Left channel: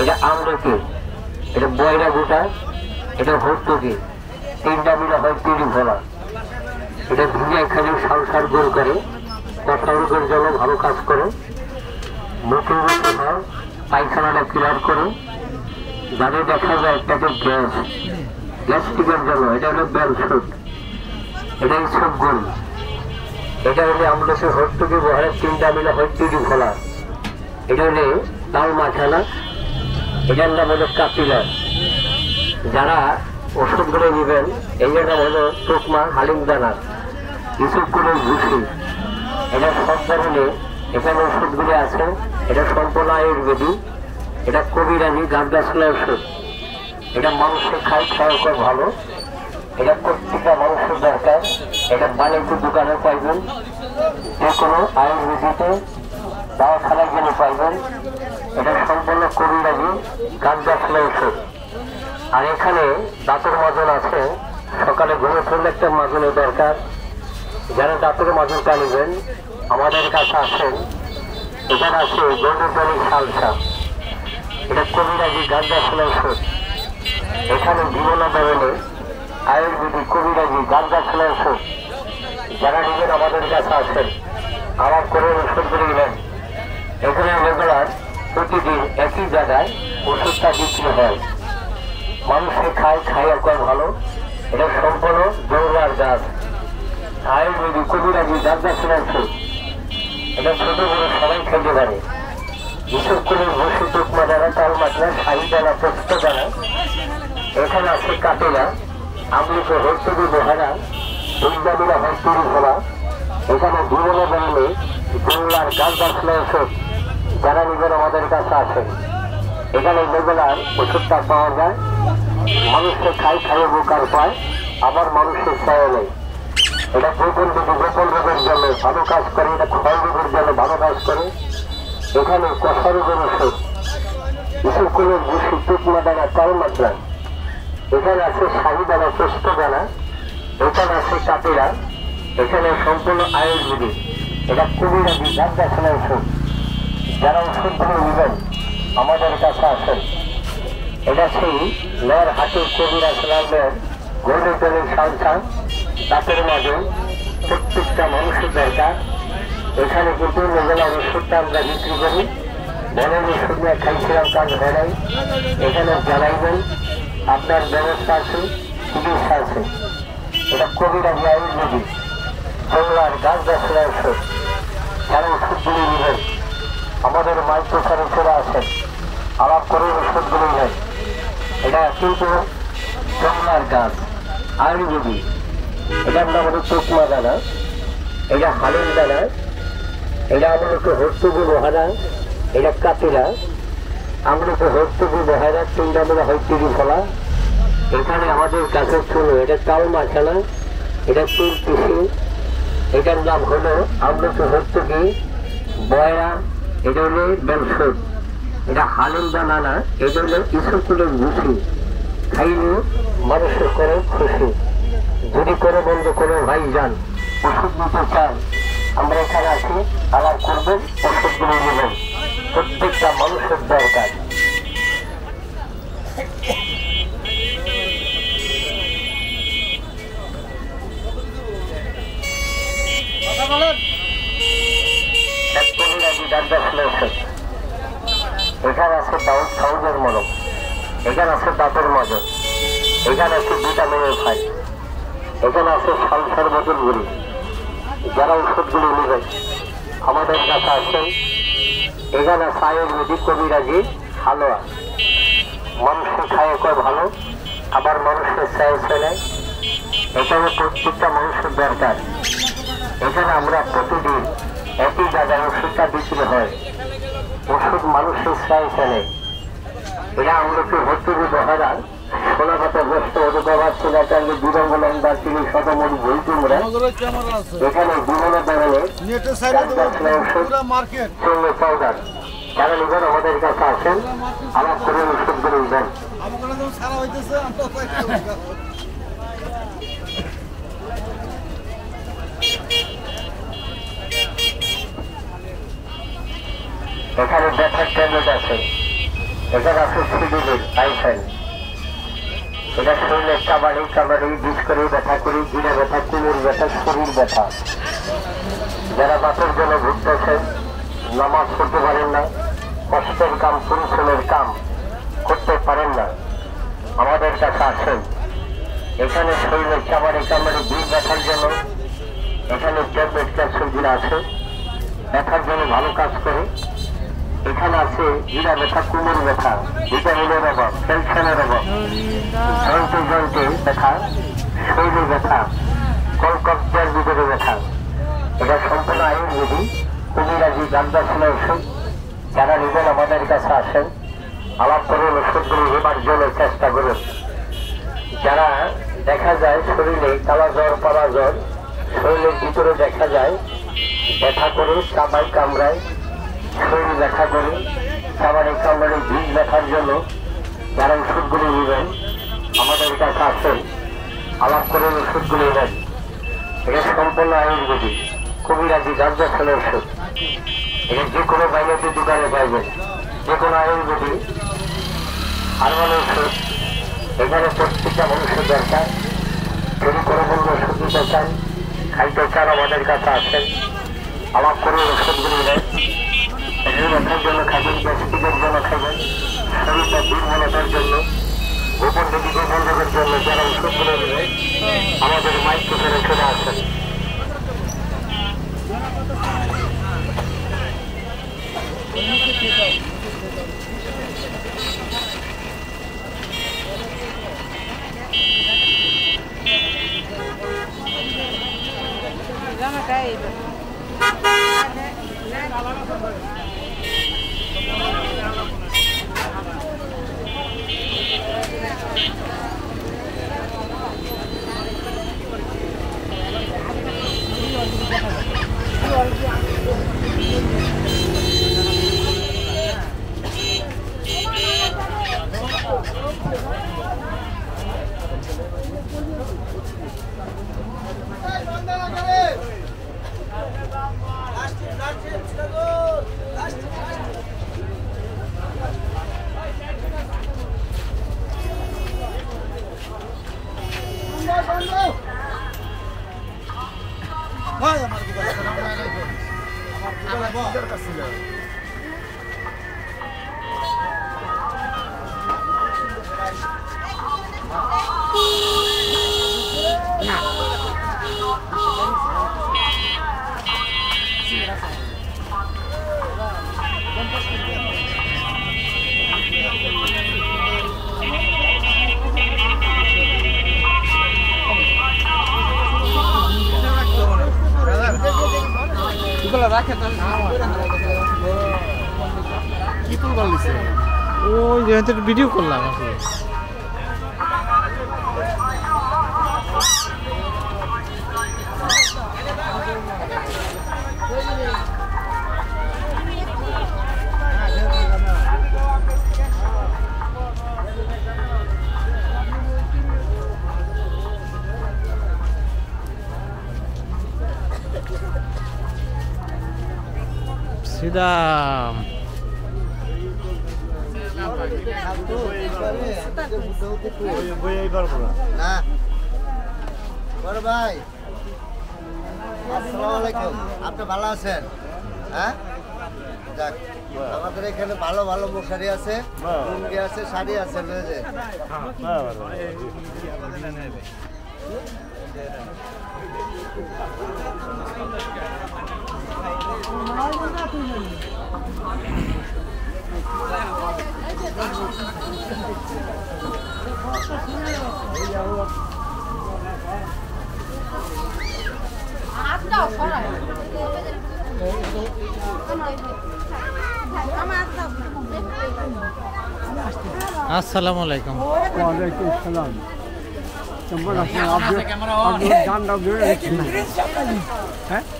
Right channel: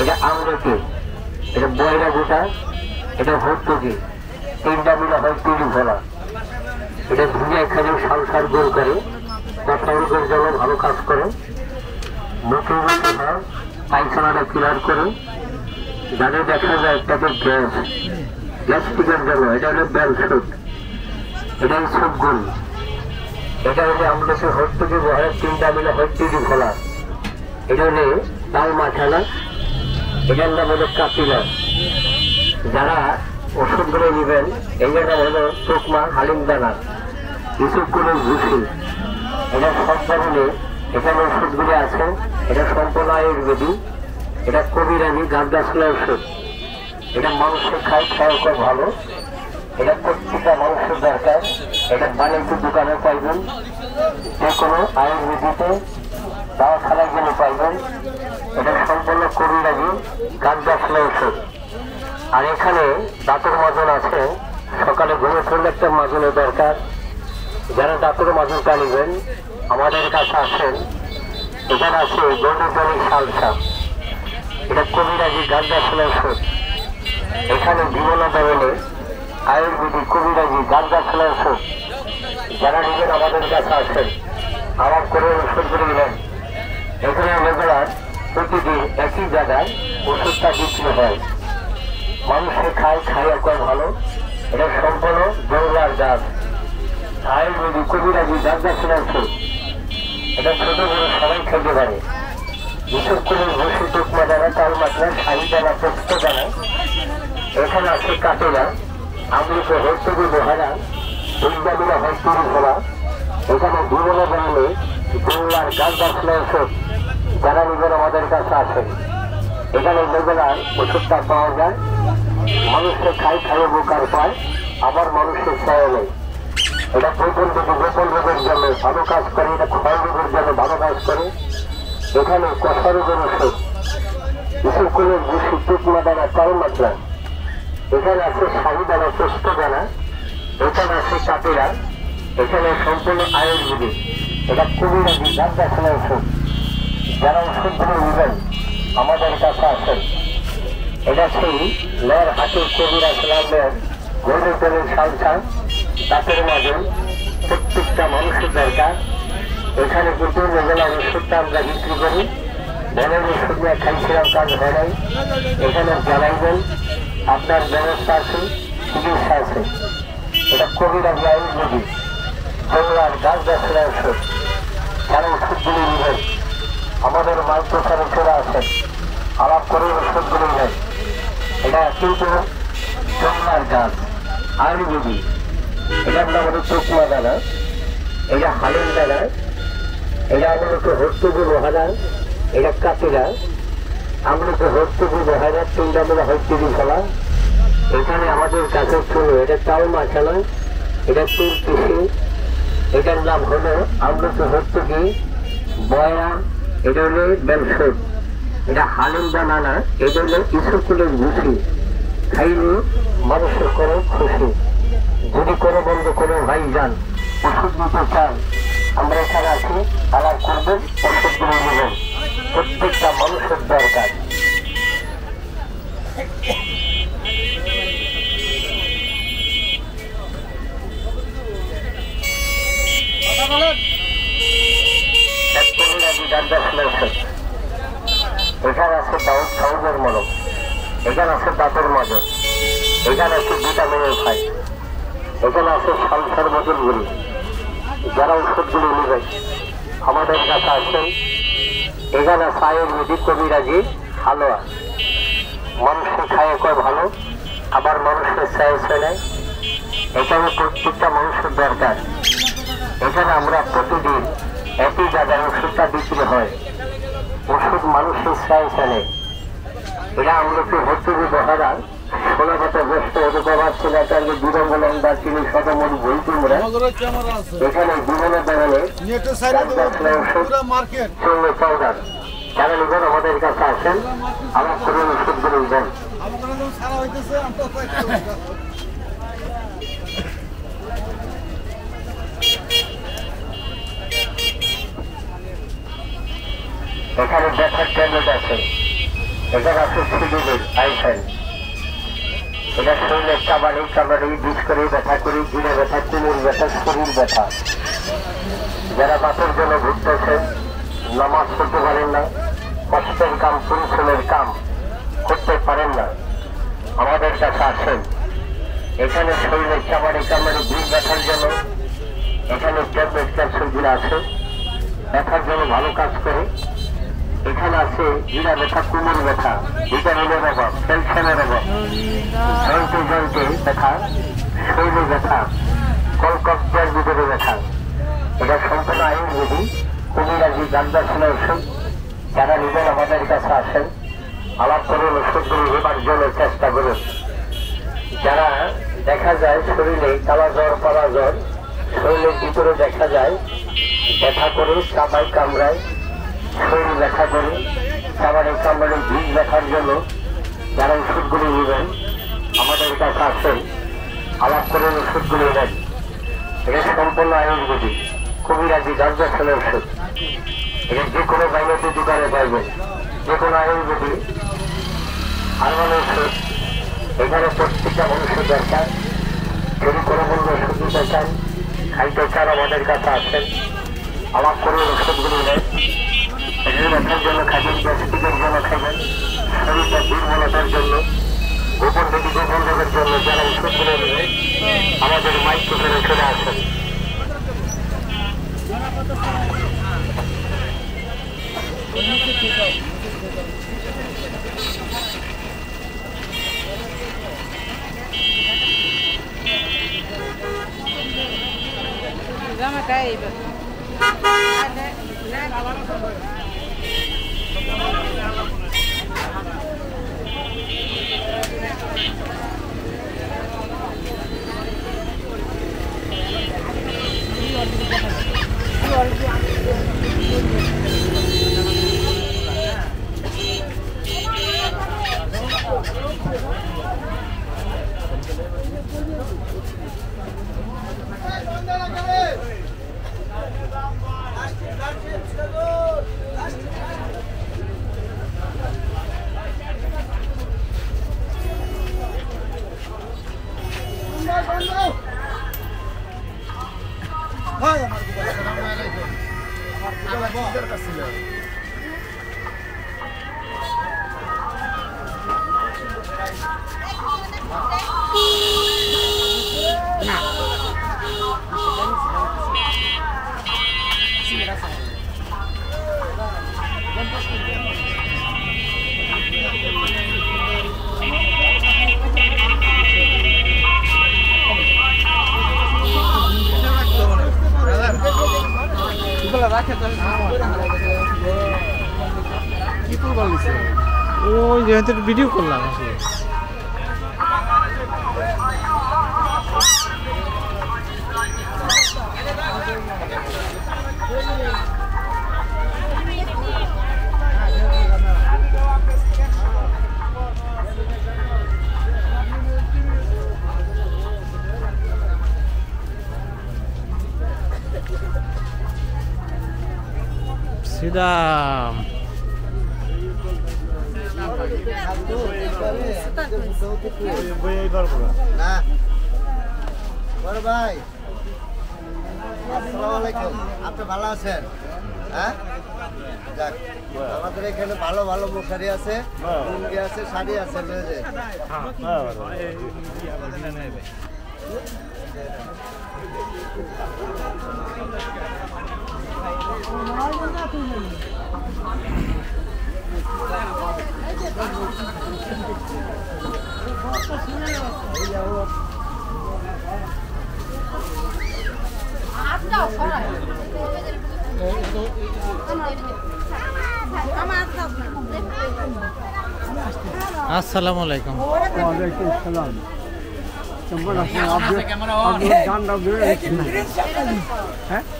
এটা আমলকি, এটা বয়রা গোটা, এটা ভর্তুকি, তিনটা মিলে হয় তিরি ভোলা। এটা ধুয়ে এখানে সংসার গোল করে, কথা রোগের জন্য ভালো কাজ করে, মুখে মুখে হয়, পায়খানাটা ক্লিয়ার করে। যাতে দেখা যায় একটাকে গ্যাস, গ্যাস্ট্রিকের জন্য এটা হলো ব্যালসুট, এটাই সব গরু। এটা হলে আমাদের ভর্তুকি বহার তিনটা মিলে হয় তিরি ভোলা। এটা হলে লাল মাখানা, এটার নাম হলো কাপিলা। যারা ওষুধগুলো নেবেন এটার নাম হলো টুকমা হালিমদানা, ইসুকুলের ভুসি। এটা সব ধরনের এখানে ওষুধগুলি আছে। এটা সম্পূর্ণ আয়ুর্বেদিক, এটা কবিরানি গাছ গাছলা ওষুধ। এটা মানুষের খায়, খাওয়া খুব ভালো। এটা প্রত্যেকটা মানুষের দরকার। এটা বাণিজ্য দোকানে পাইবেন, যে কোনো আয়ুর্বেদিকে দাওয়াখানায় গেলে পাইবেন। এটা সম্পূর্ণ কবিরাজি গাছ গাছলা ওষুধ। আর এখানে দাঁতের মাজন আছে, সকালে ঘুরে ফেললে একটা মাজনের দরকার। যারা দাঁতের মাজনটা নেবেন আমাদের কাছে আসেন। এখানে আছে গৌরী সালসা, এটা কবিরাজি গাছ গাছলা ওষুধ। এখানে বিভিন্ন ধরনের আয়ুর্বেদিক কবিরাজি গাছ গাছলা ওষুধ। যারা নেবেন আমাদের কাছে আসেন, আমার করে ওষুধগুলি নেন। এখানে রেগুলার প্রতিদিন একই জায়গায় ওষুধটা বিক্রি হয়, মানুষের খায়, খাইয়া কয় ভালো। এটা সম্পূর্ণ জৌলার গাছ, আয়ুর্বেদিক কবিরাজি গাছ গাছলা ওষুধ। এটা ছোট বড় সবাই খেতে পারে। বিশেষ করে ভুসি, টুকমা দানা, তাল মাত্রা, শাড়ি দানা, পোস্ত দানা। এখানে আছে কাটেলা, আমলিকে হর্তুকি লোহারা, দুর্গা মিলা হর্তুকি ভোলা। এখানে বিভিন্ন ধরনের জৌলার গাছ গাছলা ওষুধ। যারা নেবেন আমাদের কাছে আসেন। এখানে রেগুলার ওষুধটা পাওয়া যায়, মানুষকে খাই, খাইয়ে বোকার পায়, আবার মানুষের চায় নেই। এটা গোপন থেকে গোপন রোগের জন্য ভালো কাজ করে, এটা ক্ষয় রোগের জন্য ভালো কাজ করে। এখানে কষা রোগের ওষুধ, বিশেষ করে ভুসি, টুকমা দানা, তাল মাত্রা। এখানে আছে শাড়ি দানা, পোস্ত দানা। এখানে আছে কাপিলা। এখানে সম্পূর্ণ আয়ুর্বেদিক, এটা কবিরাজি গাছ গাছলা ওষুধ। যারা ওষুধগুলো নেবেন আমাদের কাছে আসেন। এটা সেই লের হাতের কবিরাজ লালের গরুর তেলের সালসা, দাঁতের মাজন, প্রত্যেকটা মানুষের দরকার। এখানে কিন্তু রেগুলার ওষুধটা আমরা বিক্রি করি। ধরেন ওষুধ নিয়ে খাইছিলাম, কাজ হয় নাই, এখানে জানাইবেন, আপনার ব্যবস্থা আছে, চিকিৎসা আছে। এটা কবিরাজি আয়ুর্বেদিক জৌলার গাছ গাছলা ওষুধ। যারা ওষুধগুলি নেবেন আমাদের মাইক প্রচারে চলে আসেন, আলাপ করে ওষুধগুলি নেন। এটা কিন্তু জৌলার গাছ আয়ুর্বেদিক। এটার নাম হলো টুকমা দানা, এটা হালিম দানা, এটা আমলকি হর্তুকি লোহারা, এটা কাপিলা। আমলকি হর্তুকি লোহারা তিনটা মিলে হয় তিরি ভোলা। এখানে আমাদের কাছে চুনো, এটা তাল মাখানা, এটা চুল পিসি। এটার নাম হলো আমলকি হর্তুকি বয়রা, এটা হলো বেলসুট। এটা হালিম দানা না, এটা হলো ইসুকুলের ভুসি। খাইলে মানুষের করে খুশি। যদি কোনো বন্ধু কোনো ভাই যান ওষুধ নিতে চান, আমরা এখানে আছি, আমার করবেন, ওষুধগুলো নেবেন। প্রত্যেকটা মানুষের দরকার। এখানে আছে দাউদ সাউজের মলম, এখানে আছে দাঁতের মজন, এখানে আছে ভিটামিনের ফাই, এখানে আছে সালসার বোতল গুলি। যারা ওষুধগুলো নেবেন আমাদের কাছে আসেন। এখানে আছে আয়ুর্বেদিক কবিরাজি হালুয়া, মানুষের খায় কয় ভালো, আবার মানুষের চায় চলে। এখানে প্রত্যেকটা মানুষের দরকার। এখানে আমরা প্রতিদিন একই জায়গায় ওষুধটা বিক্রি হয়, ওষুধ মানুষের চায় চলে। এরা আমলকি হর্তুকি লোহারা, সোনাগত গ্রস্ত অধিকার চুলাচাঙ্গে বিরঙ্গলম, দার্চিনি, শতমূল, ভুল কুমড়া। এখানে বিভিন্ন ধরনের চুল্লি পাউডার। যারা নেবেন আমাদের কাছে আসেন, আমার করে ওষুধগুলো দেন। এখানে ব্যথার ট্যাবলেট আছে, এখানে আছে সিডিলের আইফেল, এটা শরীরের কাবাডি কাবাডি বিষ করে ব্যথা করি, গিরে ব্যথা, কোমর ব্যথা, শরীর ব্যথা। যারা বাপের জন্য ঘুরতেছেন, নামাজ পড়তে পারেন না, কষ্টের কাম, পরিশ্রমের কাম করতে পারেন না, আমাদের কাছে আসেন। এখানে শরীরের কাবাডি কাবাডি বিষ ব্যথার জন্য এখানে ট্যাবলেট ক্যাপসুলগুলো আছে, ব্যথার জন্য ভালো কাজ করে। এখানে আছে গিরা ব্যথা, কোমর ব্যথা, ভিটামিনের অভাব, ক্যালসিয়ামের অভাব, জয়ন্তে জয়ন্তে ব্যথা, শরীরে ব্যথা, কলকব্জার ভিতরে ব্যথা। এটা সম্পূর্ণ আয়ুর্বেদিক কবিরাজি গান্ধাসনা ওষুধ। যারা নিজের আমাদের কাছে আসেন, আলাপ করে ওষুধগুলো নেবার জন্য চেষ্টা করুন। যারা দেখা যায় শরীরে কালা জ্বর, পালা জ্বর, শরীরের ভিতরে দেখা যায় ব্যথা করে, চাপাই কামড়ায়, শরীর ব্যথা করে, কাবাডি কামড়ে বীজ ব্যথার জন্য যারা ওষুধগুলি নেবেন আমাদের কাছে আসেন, আলাপ করে ওষুধগুলি নেবেন। এটা সম্পূর্ণ আয়ুর্বেদিক কবিরাজি গান্ধাসনা ওষুধ। এটা যে কোনো প্রাইভেটের দোকানে পাইবেন, যে কোনো আয়ুর্বেদিক হারবাল ওষুধ। এখানে প্রত্যেকটা মানুষের দরকার। যদি কোনো কোনো ওষুধ নিতে চান, খাইতে চান, আমাদের কাছে আসেন, আলাপ করে ওষুধগুলি নেন। ব্যথার জন্য খাবেন, গ্যাস্ট্রিকের জন্য খাবেন, শরীরটা দুর্বলতার জন্য, গোপন থেকে গোপনের জন্য যারা ওষুধগুলো নেবেন আমাদের মাইক্রোফোনে চলে আসেন। ওই যে ভিডিও করলাম আসলে। सीधा আপনি ভালো আছেন? হ্যাঁ, যাক, আমাদের এখানে ভালো ভালো মশারি আছে, লুঙ্গি আছে, শাড়ি আছে, মেয়ে। আসসালামু আলাইকুম। ওয়ালাইকুম আসসালাম। কেমন আছেন?